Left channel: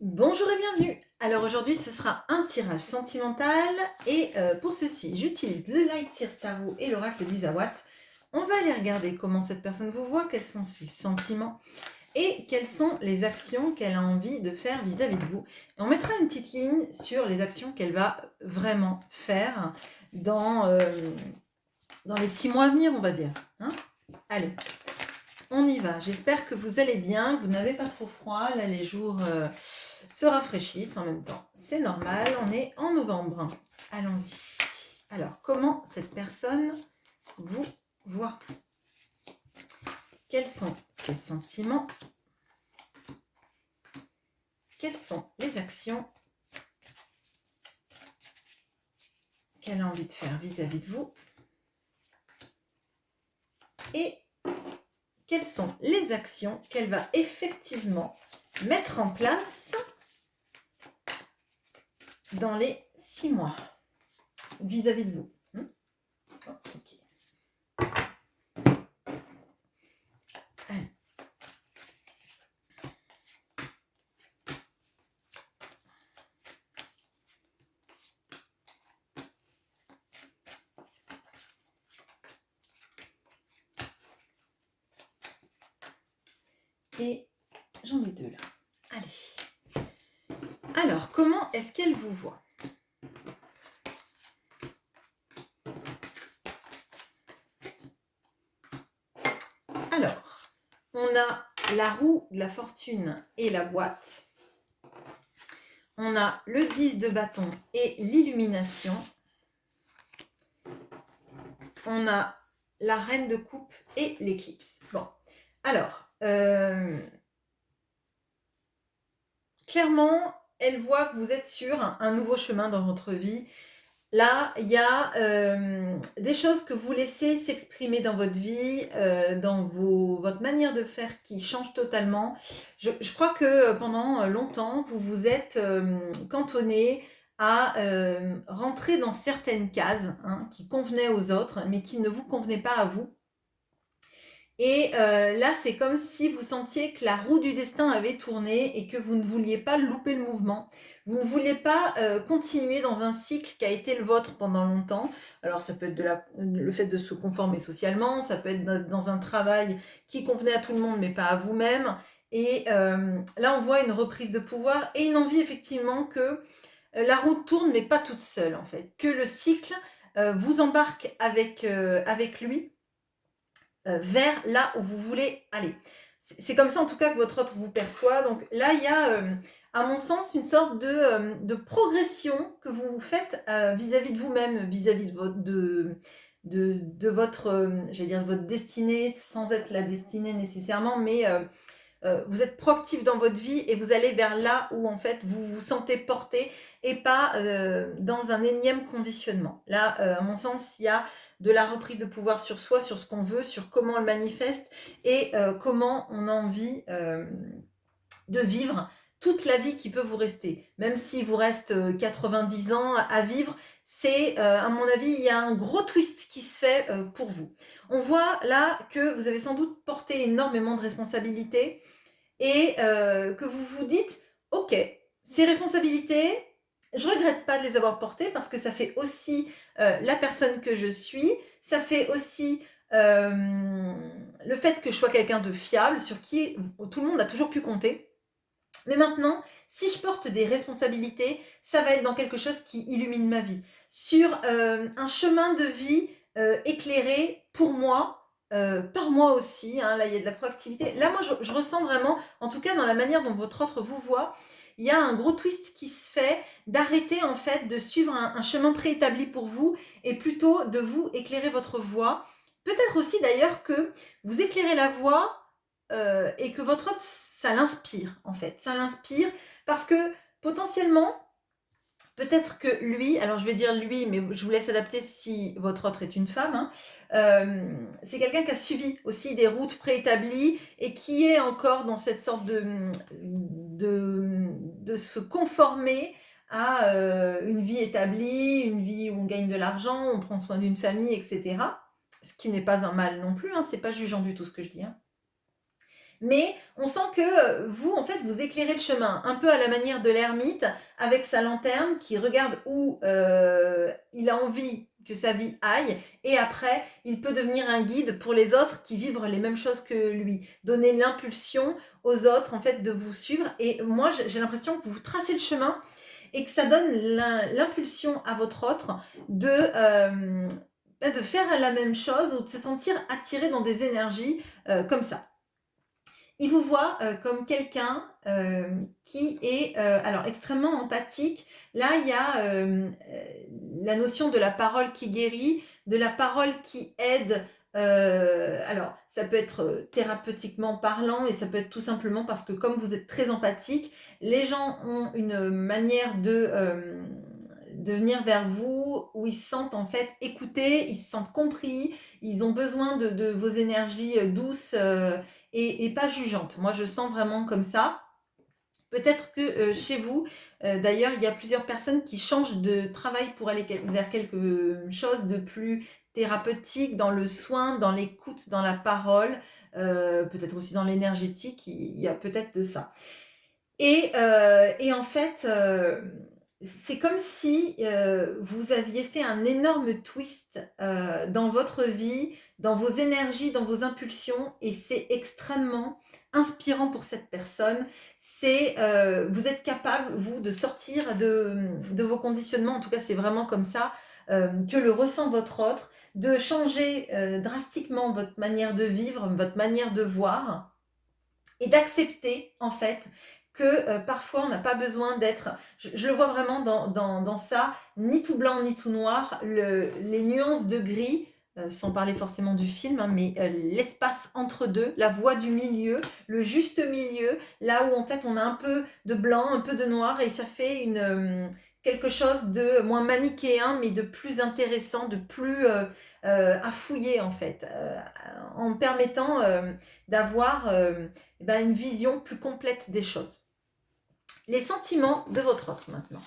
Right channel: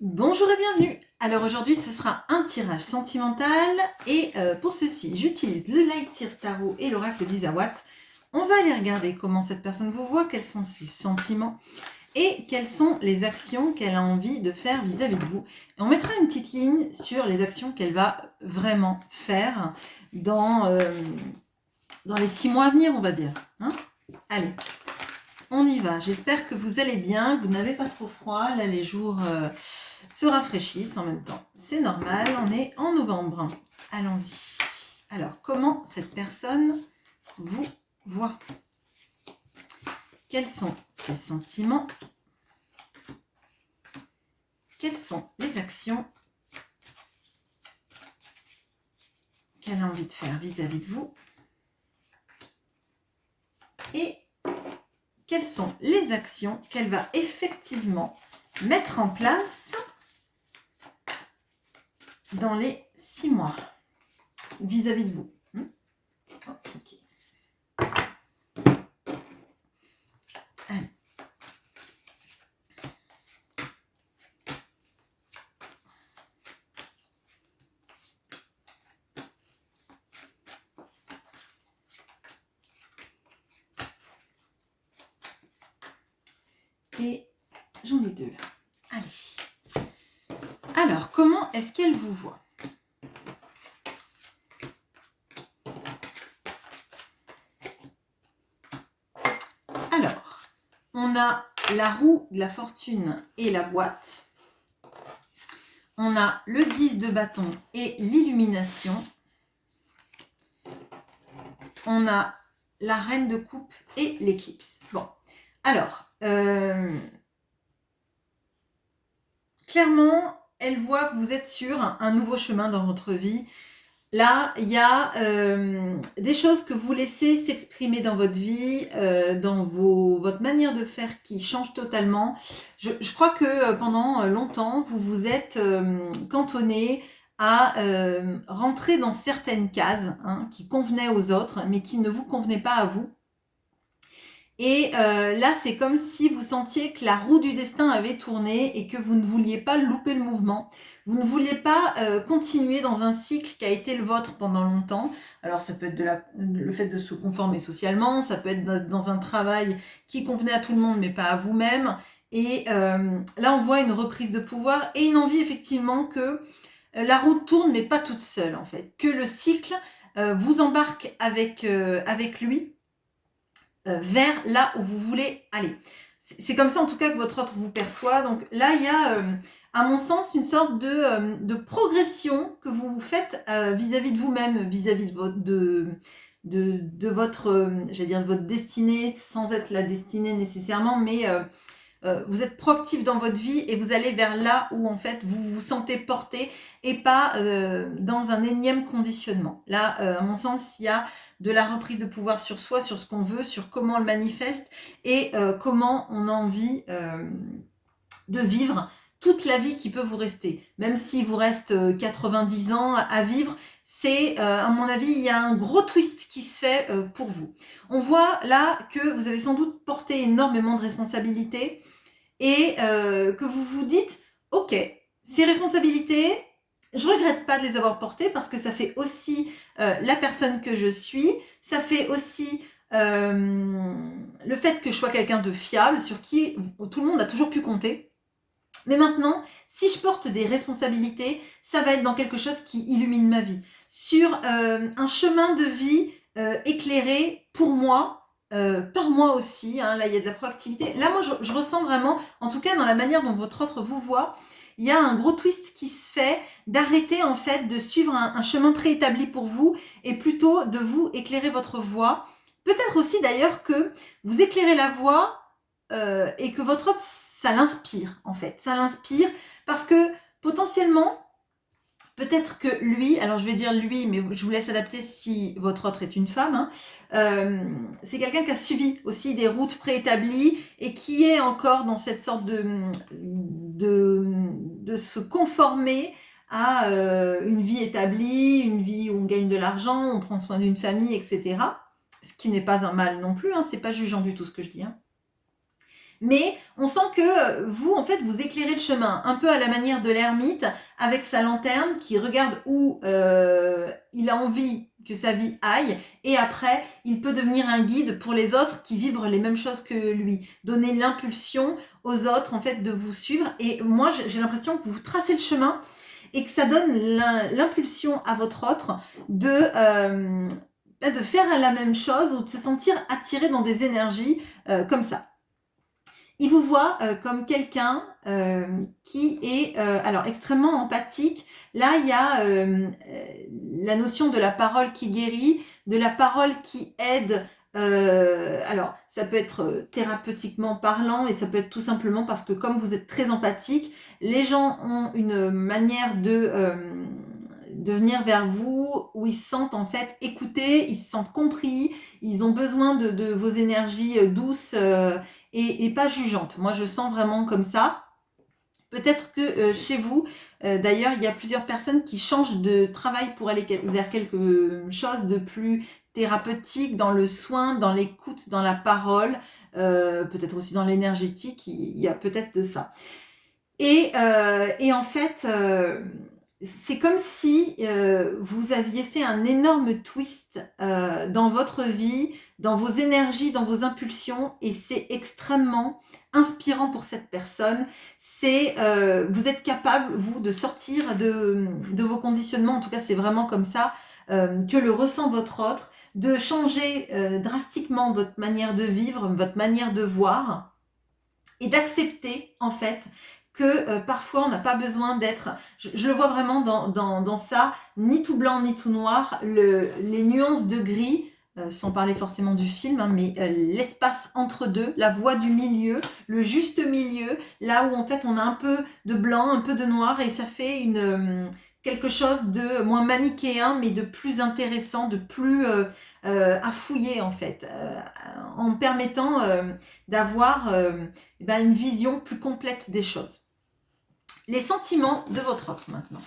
Bonjour et bienvenue. Alors aujourd'hui ce sera un tirage sentimental et pour ceci j'utilise le Light Seer Tarot et l'oracle d'Isawat. On va aller regarder comment cette personne vous voit, quels sont ses sentiments et quelles sont les actions qu'elle a envie de faire vis-à-vis de vous. Et on mettra une petite ligne sur les actions qu'elle va vraiment faire dans les 6 mois à venir, on va dire. Hein, allez, on y va. J'espère que vous allez bien, vous n'avez pas trop froid. Là, les jours se rafraîchissent en même temps. C'est normal, on est en novembre. Allons-y. Alors, comment cette personne vous voit? Quels sont ses sentiments? Quelles sont les actions qu'elle a envie de faire vis-à-vis de vous? Et quelles sont les actions qu'elle va effectivement mettre en place dans les 6 mois vis-à-vis de vous? Okay. Allez. Et j'en ai 2 là. Allez. Alors, comment est-ce qu'elle vous voit? Alors, on a la roue de la fortune et la boîte. On a le 10 de bâton et l'illumination. On a la reine de coupe et l'éclipse. Bon, alors, clairement, elle voit que vous êtes sur un nouveau chemin dans votre vie. Là, il y a des choses que vous laissez s'exprimer dans votre vie, dans votre manière de faire qui change totalement. Je crois que pendant longtemps, vous vous êtes cantonné à rentrer dans certaines cases qui convenaient aux autres, mais qui ne vous convenaient pas à vous. Et là, c'est comme si vous sentiez que la roue du destin avait tourné et que vous ne vouliez pas louper le mouvement. Vous ne vouliez pas continuer dans un cycle qui a été le vôtre pendant longtemps. Alors, ça peut être le fait de se conformer socialement, ça peut être dans un travail qui convenait à tout le monde, mais pas à vous-même. Et là, on voit une reprise de pouvoir et une envie, effectivement, que la roue tourne, mais pas toute seule, en fait. Que le cycle vous embarque avec lui vers là où vous voulez aller. C'est comme ça en tout cas que votre autre vous perçoit. Donc là, il y a, à mon sens, une sorte de progression que vous faites vis-à-vis de vous-même, vis-à-vis de votre, j'allais dire, de votre destinée, sans être la destinée nécessairement, mais vous êtes proactif dans votre vie et vous allez vers là où en fait vous vous sentez porté et pas dans un énième conditionnement. Là, à mon sens, il y a de la reprise de pouvoir sur soi, sur ce qu'on veut, sur comment on le manifeste et comment on a envie de vivre toute la vie qui peut vous rester. Même s'il vous reste 90 ans à vivre, c'est, à mon avis, il y a un gros twist qui se fait pour vous. On voit là que vous avez sans doute porté énormément de responsabilités et que vous vous dites, ok, ces responsabilités, je regrette pas de les avoir portées parce que ça fait aussi la personne que je suis, ça fait aussi le fait que je sois quelqu'un de fiable, sur qui tout le monde a toujours pu compter. Mais maintenant, si je porte des responsabilités, ça va être dans quelque chose qui illumine ma vie, sur un chemin de vie éclairé pour moi, par moi aussi. Hein, là, il y a de la proactivité. Là, moi, je ressens vraiment, en tout cas dans la manière dont votre autre vous voit, il y a un gros twist qui se fait d'arrêter en fait de suivre un chemin préétabli pour vous et plutôt de vous éclairer votre voie. Peut-être aussi d'ailleurs que vous éclairez la voie et que votre autre, ça l'inspire en fait. Ça l'inspire parce que potentiellement, peut-être que lui, alors je vais dire lui, mais je vous laisse adapter si votre autre est une femme, c'est quelqu'un qui a suivi aussi des routes préétablies et qui est encore dans cette sorte de se conformer à une vie établie, une vie où on gagne de l'argent, on prend soin d'une famille, etc. Ce qui n'est pas un mal non plus, c'est pas jugeant du tout ce que je dis. Mais on sent que vous, en fait, vous éclairez le chemin, un peu à la manière de l'ermite, avec sa lanterne, qui regarde où il a envie que sa vie aille, et après, il peut devenir un guide pour les autres qui vibrent les mêmes choses que lui, donner l'impulsion aux autres, en fait, de vous suivre. Et moi, j'ai l'impression que vous tracez le chemin et que ça donne l'impulsion à votre autre de faire la même chose ou de se sentir attiré dans des énergies comme ça. Il vous voit comme quelqu'un qui est alors extrêmement empathique. Là, il y a la notion de la parole qui guérit, de la parole qui aide. Alors, ça peut être thérapeutiquement parlant et ça peut être tout simplement parce que comme vous êtes très empathique, les gens ont une manière de venir vers vous où ils se sentent en fait écoutés, ils se sentent compris, ils ont besoin de vos énergies douces et pas jugeantes. Moi, je sens vraiment comme ça. Peut-être que chez vous, d'ailleurs, il y a plusieurs personnes qui changent de travail pour aller vers quelque chose de plus thérapeutique, dans le soin, dans l'écoute, dans la parole, peut-être aussi dans l'énergétique, il y a peut-être de ça. Et en fait, c'est comme si vous aviez fait un énorme twist dans votre vie, dans vos énergies, dans vos impulsions, et c'est extrêmement inspirant pour cette personne. Vous êtes capable, vous, de sortir de vos conditionnements, en tout cas c'est vraiment comme ça que le ressent votre autre, de changer drastiquement votre manière de vivre, votre manière de voir, et d'accepter en fait que parfois on n'a pas besoin d'être, je le vois vraiment dans ça, ni tout blanc ni tout noir, les nuances de gris, sans parler forcément du film, hein, mais l'espace entre deux, la voie du milieu, le juste milieu, là où en fait on a un peu de blanc, un peu de noir, et ça fait quelque chose de moins manichéen, mais de plus intéressant, de plus à fouiller en fait, en permettant d'avoir une vision plus complète des choses. Les sentiments de votre autre maintenant.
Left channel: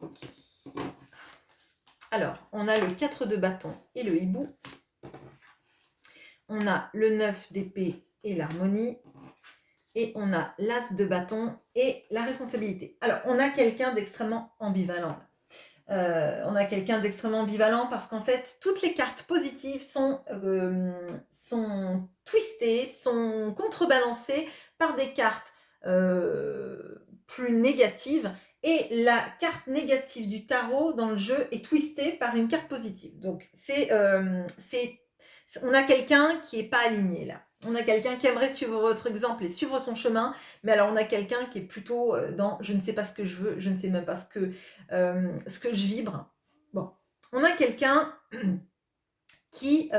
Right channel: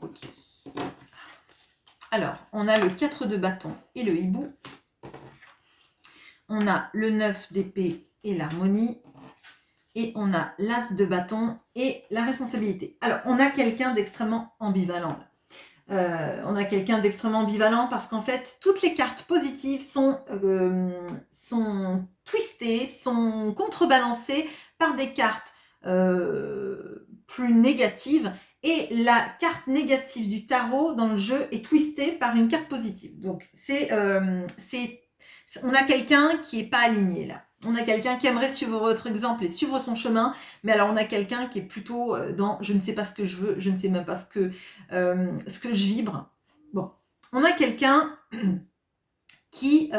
Okay. Alors, on a le 4 de bâton et le hibou. On a le 9 d'épée et l'harmonie. Et on a l'as de bâton et la responsabilité. Alors, on a quelqu'un d'extrêmement ambivalent là. On a quelqu'un d'extrêmement ambivalent parce qu'en fait, toutes les cartes positives sont twistées, sont contrebalancées par des cartes plus négatives. Et la carte négative du tarot dans le jeu est twistée par une carte positive. Donc, on a quelqu'un qui n'est pas aligné là. On a quelqu'un qui aimerait suivre votre exemple et suivre son chemin, mais alors on a quelqu'un qui est plutôt dans je ne sais pas ce que je veux, je ne sais même pas ce que je vibre. Bon, on a quelqu'un qui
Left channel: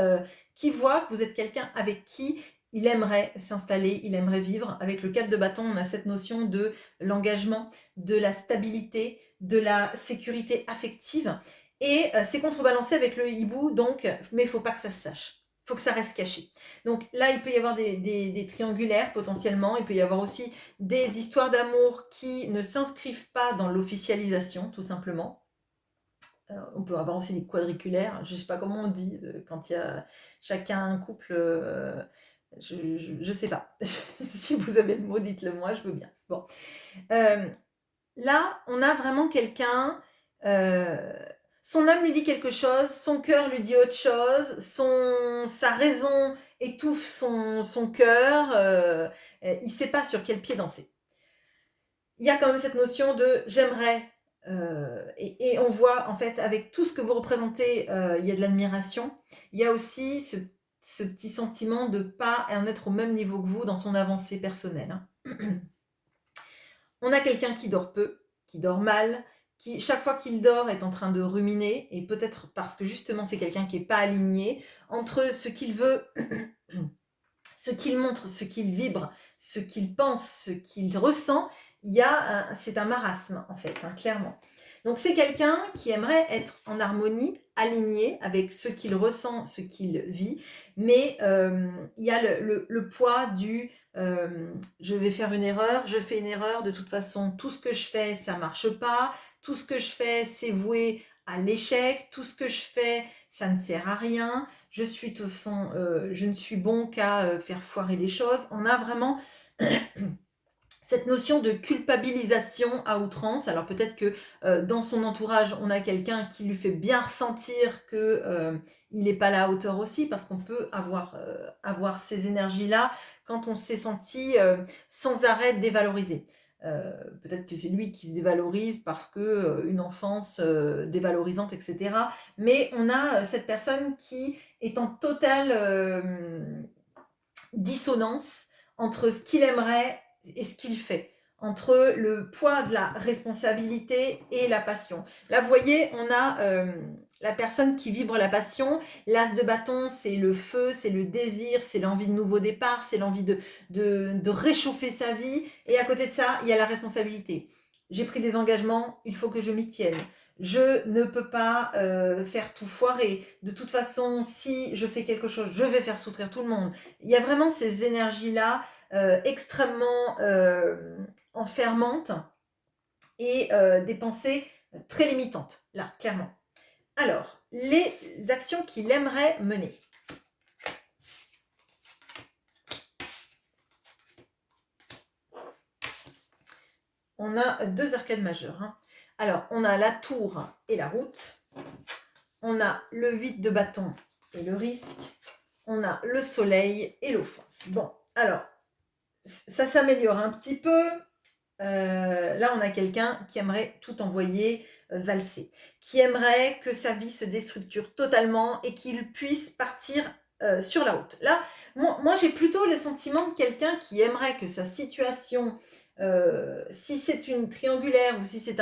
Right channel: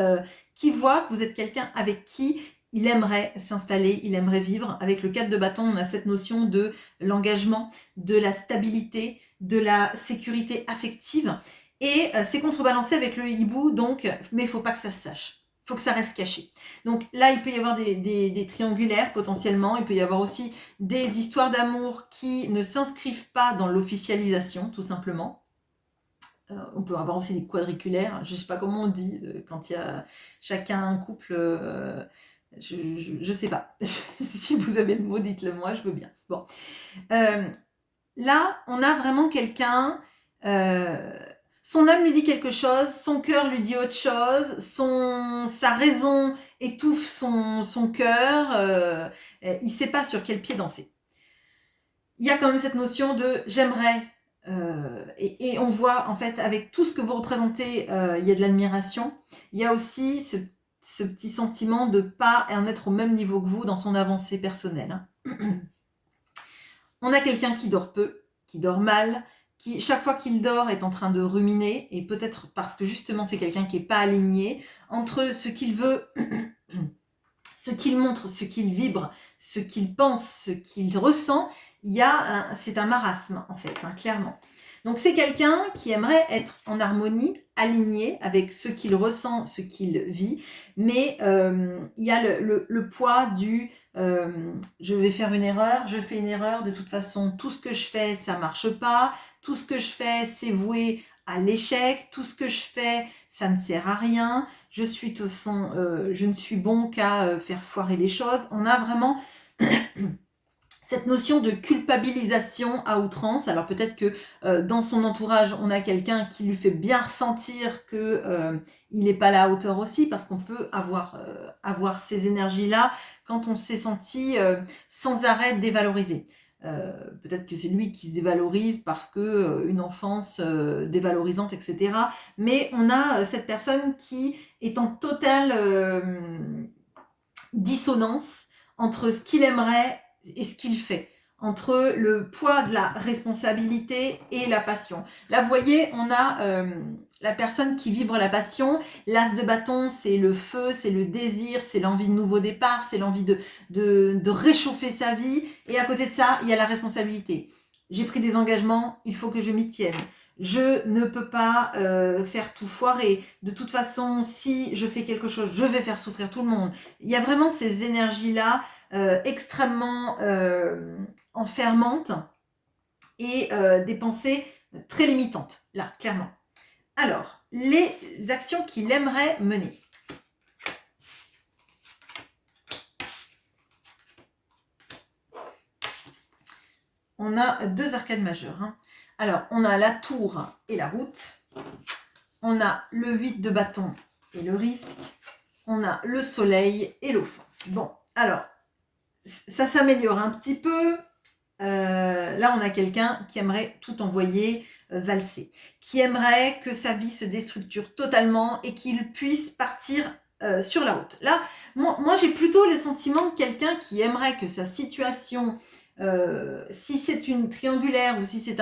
voit que vous êtes quelqu'un avec qui il aimerait s'installer, il aimerait vivre. Avec le 4 de bâton, on a cette notion de l'engagement, de la stabilité, de la sécurité affective. Et c'est contrebalancé avec le hibou, donc, mais il ne faut pas que ça se sache. Il faut que ça reste caché. Donc là, il peut y avoir des triangulaires potentiellement. Il peut y avoir aussi des histoires d'amour qui ne s'inscrivent pas dans l'officialisation, tout simplement. On peut avoir aussi des quadriculaires. Je ne sais pas comment on dit quand il y a chacun un couple. Je ne sais pas. Si vous avez le mot, dites-le moi, je veux bien. Bon. Là, on a vraiment quelqu'un... son âme lui dit quelque chose, son cœur lui dit autre chose, sa raison étouffe son cœur, il ne sait pas sur quel pied danser. Il y a quand même cette notion de j'aimerais, et on voit en fait avec tout ce que vous représentez, il y a de l'admiration. Il y a aussi ce petit sentiment de ne pas en être au même niveau que vous dans son avancée personnelle. On a quelqu'un qui dort peu, qui dort mal, qui, chaque fois qu'il dort, est en train de ruminer, et peut-être parce que justement c'est quelqu'un qui n'est pas aligné entre ce qu'il veut, ce qu'il montre, ce qu'il vibre, ce qu'il pense, ce qu'il ressent. C'est un marasme en fait, hein, clairement. Donc c'est quelqu'un qui aimerait être en harmonie, aligné avec ce qu'il ressent, ce qu'il vit, mais il y a le poids du je vais faire une erreur, je fais une erreur, de toute façon tout ce que je fais ça marche pas, tout ce que je fais c'est voué à l'échec, tout ce que je fais, ça ne sert à rien, je ne suis bon qu'à faire foirer les choses. On a vraiment cette notion de culpabilisation à outrance. Alors peut-être que dans son entourage, on a quelqu'un qui lui fait bien ressentir que il n'est pas à la hauteur aussi, parce qu'on peut avoir ces énergies-là quand on s'est senti sans arrêt dévalorisé. Peut-être que c'est lui qui se dévalorise parce que une enfance dévalorisante, etc. Mais on a cette personne qui est en totale dissonance entre ce qu'il aimerait et ce qu'il fait, entre le poids de la responsabilité et la passion. Là, vous voyez, on a la personne qui vibre la passion. L'as de bâton, c'est le feu, c'est le désir, c'est l'envie de nouveau départ, c'est l'envie de réchauffer sa vie. Et à côté de ça, il y a la responsabilité. J'ai pris des engagements, il faut que je m'y tienne. Je ne peux pas faire tout foirer. De toute façon, si je fais quelque chose, je vais faire souffrir tout le monde. Il y a vraiment ces énergies-là extrêmement enfermantes et des pensées très limitantes, là, clairement. Alors, les actions qu'il aimerait mener. On a 2 arcades majeures. Hein. Alors, on a la tour et la route. On a le 8 de bâton et le risque. On a le soleil et l'offense. Bon, alors, ça s'améliore un petit peu. Là, on a quelqu'un qui aimerait tout envoyer valser, qui aimerait que sa vie se déstructure totalement et qu'il puisse partir sur la route. Là, moi j'ai plutôt le sentiment de quelqu'un qui aimerait que sa situation, si c'est une triangulaire ou si c'est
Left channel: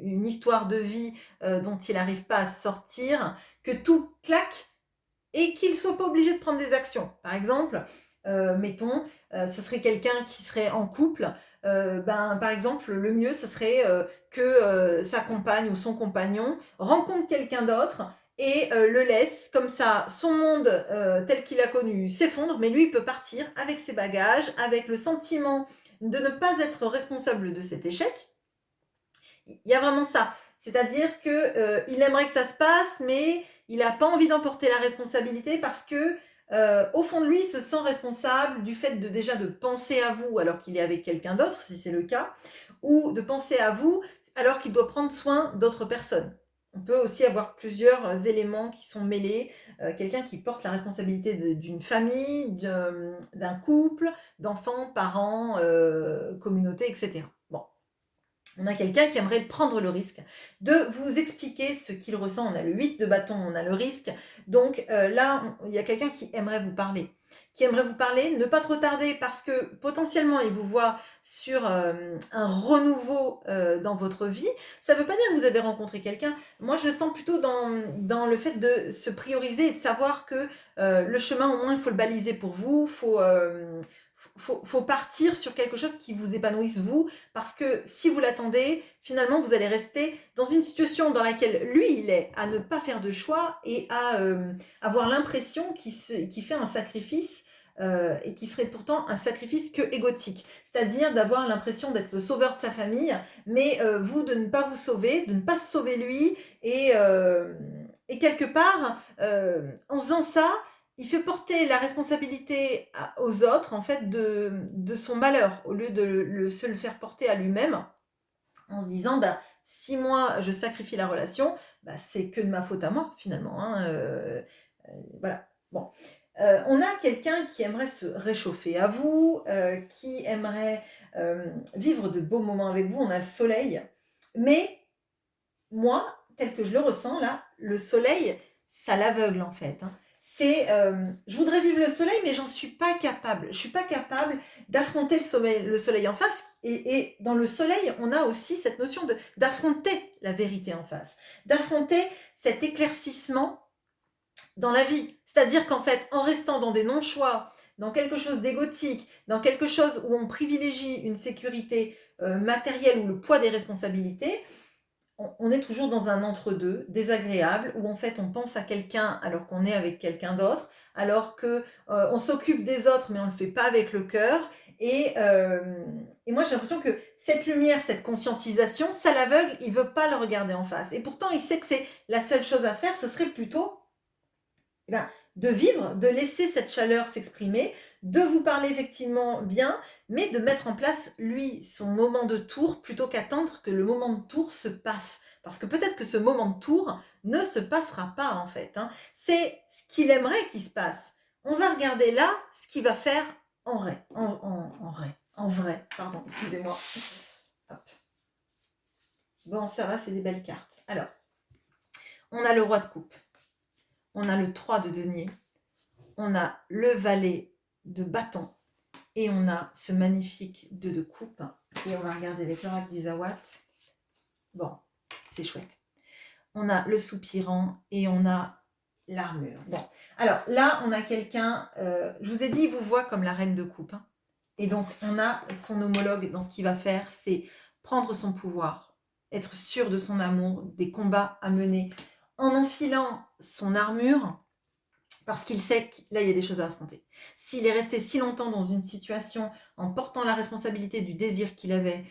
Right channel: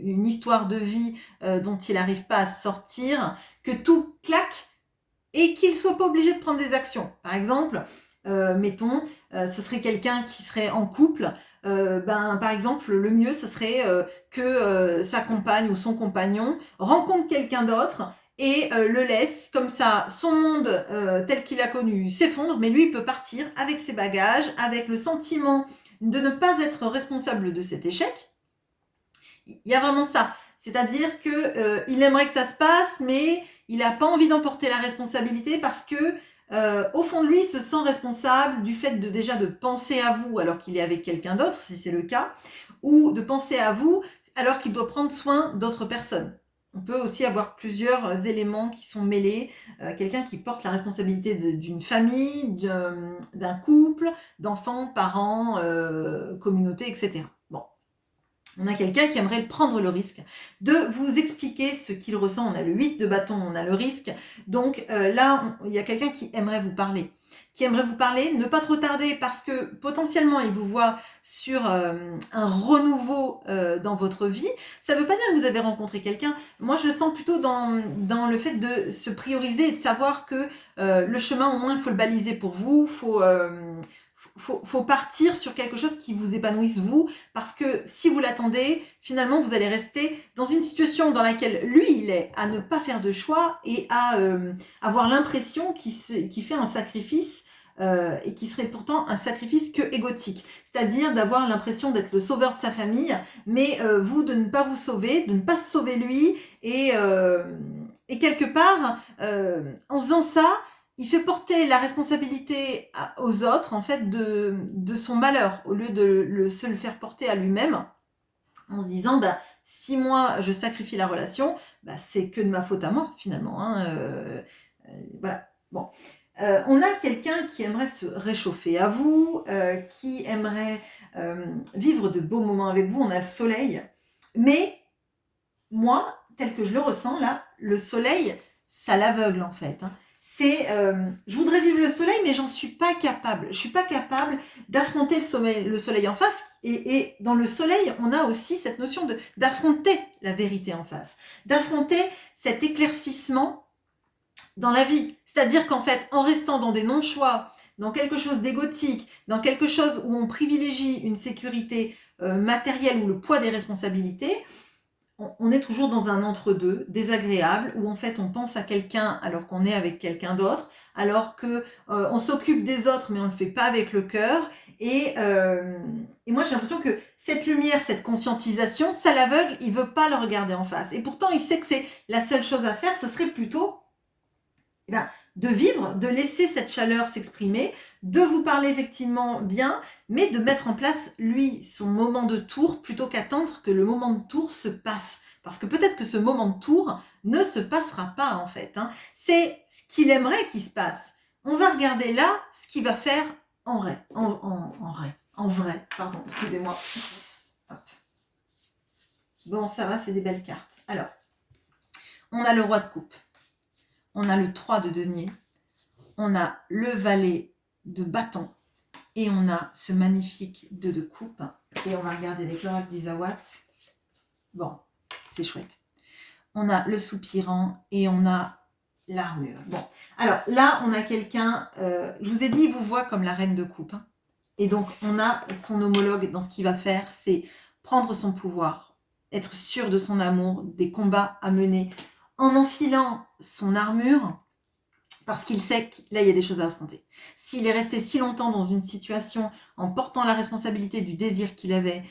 une histoire de vie dont il n'arrive pas à sortir, que tout claque et qu'il ne soit pas obligé de prendre des actions. Par exemple, mettons, ce serait quelqu'un qui serait en couple. Par exemple, le mieux, ce serait que sa compagne ou son compagnon rencontre quelqu'un d'autre et le laisse. Comme ça, son monde tel qu'il a connu s'effondre, mais lui, il peut partir avec ses bagages, avec le sentiment de ne pas être responsable de cet échec. Il y a vraiment ça. C'est-à-dire qu'il aimerait que ça se passe, mais il n'a pas envie d'emporter la responsabilité parce que au fond de lui, il se sent responsable du fait de penser à vous alors qu'il est avec quelqu'un d'autre, si c'est le cas, ou de penser à vous alors qu'il doit prendre soin d'autres personnes. On peut aussi avoir plusieurs éléments qui sont mêlés. Quelqu'un qui porte la responsabilité d'une famille, d'un couple, d'enfants, parents, communauté, etc. Bon. On a quelqu'un qui aimerait prendre le risque de vous expliquer ce qu'il ressent. On a le 8 de bâton, on a le risque. Donc là, il y a quelqu'un qui aimerait vous parler. Ne pas trop tarder parce que potentiellement, il vous voit sur un renouveau dans votre vie. Ça ne veut pas dire que vous avez rencontré quelqu'un. Moi, je le sens plutôt dans le fait de se prioriser et de savoir que le chemin, au moins, il faut le baliser pour vous. Faut partir sur quelque chose qui vous épanouisse vous, parce que si vous l'attendez, finalement, vous allez rester dans une situation dans laquelle lui, il est à ne pas faire de choix et à avoir l'impression qu'il fait un sacrifice et qui serait pourtant un sacrifice que égotique. C'est-à-dire d'avoir l'impression d'être le sauveur de sa famille, mais vous, de ne pas vous sauver, de ne pas se sauver lui, et quelque part, en faisant ça, il fait porter la responsabilité aux autres, en fait, de son malheur, au lieu de se le faire porter à lui-même, en se disant, si moi, je sacrifie la relation, c'est que de ma faute à moi, finalement. Hein, voilà. Bon. On a quelqu'un qui aimerait se réchauffer à vous, qui aimerait vivre de beaux moments avec vous. On a le soleil. Mais moi, tel que je le ressens, là, le soleil, ça l'aveugle, en fait. Hein. Je voudrais vivre le soleil, mais j'en suis pas capable. Je suis pas capable d'affronter le soleil en face. Et dans le soleil, on a aussi cette notion d'affronter la vérité en face, d'affronter cet éclaircissement dans la vie. C'est-à-dire qu'en fait, en restant dans des non-choix, dans quelque chose d'égotique, dans quelque chose où on privilégie une sécurité matérielle ou le poids des responsabilités, on est toujours dans un entre-deux désagréable où en fait on pense à quelqu'un alors qu'on est avec quelqu'un d'autre, alors que on s'occupe des autres mais on ne le fait pas avec le cœur. Et moi j'ai l'impression que cette lumière, cette conscientisation, ça l'aveugle, il veut pas le regarder en face. Et pourtant il sait que c'est la seule chose à faire, ce serait plutôt eh ben, de vivre, de laisser cette chaleur s'exprimer, de vous parler effectivement bien, mais de mettre en place, lui, son moment de tour, plutôt qu'attendre que le moment de tour se passe. Parce que peut-être que ce moment de tour ne se passera pas, en fait, hein. C'est ce qu'il aimerait qu'il se passe. On va regarder là ce qu'il va faire en vrai. En vrai, pardon, excusez-moi. Hop. Bon, ça va, c'est des belles cartes. Alors, on a le roi de coupe. On a le 3 de denier. On a le valet de bâton et on a ce magnifique 2 de coupe. Et on va regarder avec l'oracle d'Isawat. Bon, c'est chouette. On a le soupirant et on a l'armure. Bon, alors là, on a quelqu'un, je vous ai dit, il vous voit comme la reine de coupe. Hein. Et donc, on a son homologue dans ce qu'il va faire, c'est prendre son pouvoir, être sûr de son amour, des combats à mener, en enfilant son armure, parce qu'il sait que là, il y a des choses à affronter. S'il est resté si longtemps dans une situation en portant la responsabilité du désir qu'il avait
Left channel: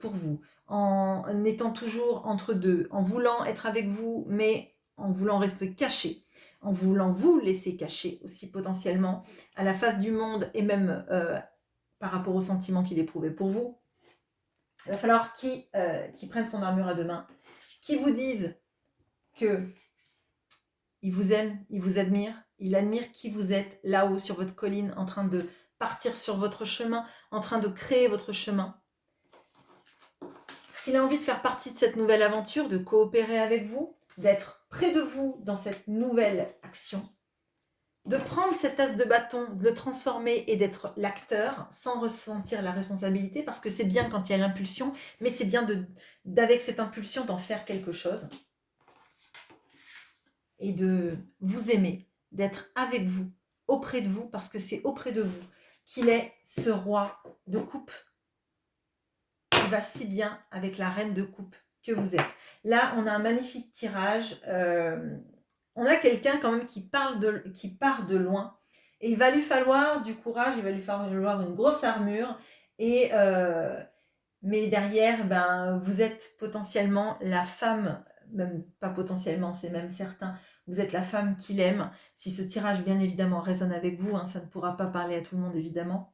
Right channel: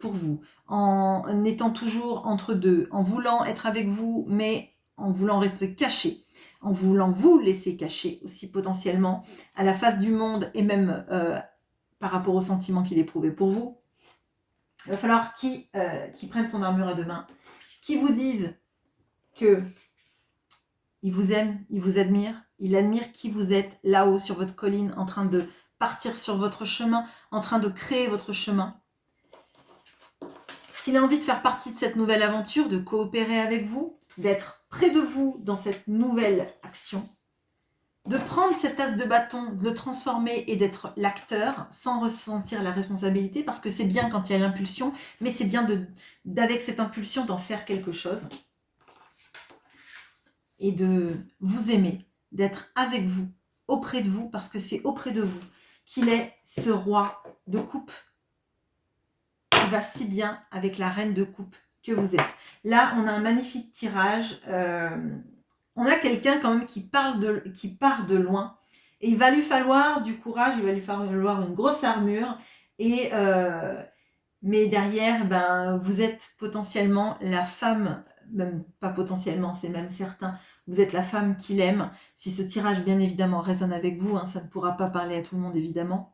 pour vous, en étant toujours entre deux, en voulant être avec vous, mais en voulant rester caché, en voulant vous laisser caché aussi potentiellement à la face du monde et même par rapport aux sentiments qu'il éprouvait pour vous, il va falloir qu'il prenne son armure à deux mains, qu'il vous dise que il vous aime, il vous admire, il admire qui vous êtes là-haut sur votre colline, en train de partir sur votre chemin, en train de créer votre chemin. S'il a envie de faire partie de cette nouvelle aventure, de coopérer avec vous, d'être près de vous dans cette nouvelle action, de prendre cet as de bâton, de le transformer et d'être l'acteur sans ressentir la responsabilité, parce que c'est bien quand il y a l'impulsion, mais c'est bien d'avec cette impulsion d'en faire quelque chose. Et de vous aimer, d'être avec vous, auprès de vous, parce que c'est auprès de vous qu'il est ce roi de coupe qui va si bien avec la reine de coupe que vous êtes. Là, on a un magnifique tirage. On a quelqu'un quand même qui part de loin. Et il va lui falloir du courage, il va lui falloir une grosse armure. Mais derrière, vous êtes potentiellement la femme, même pas potentiellement, c'est même certain, vous êtes la femme qu'il aime. Si ce tirage, bien évidemment, résonne avec vous, hein, ça ne pourra pas parler à tout le monde, évidemment.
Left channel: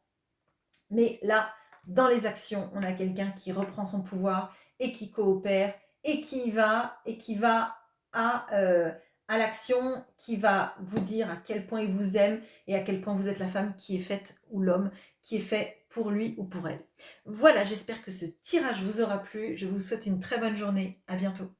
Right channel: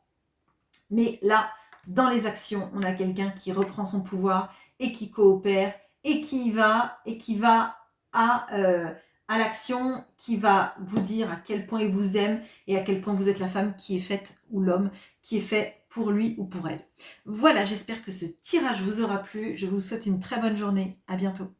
Mais là, dans les actions, on a quelqu'un qui reprend son pouvoir et qui coopère et qui va à l'action, qui va vous dire à quel point il vous aime et à quel point vous êtes la femme qui est faite, ou l'homme qui est fait pour lui ou pour elle. Voilà, j'espère que ce tirage vous aura plu. Je vous souhaite une très bonne journée. À bientôt.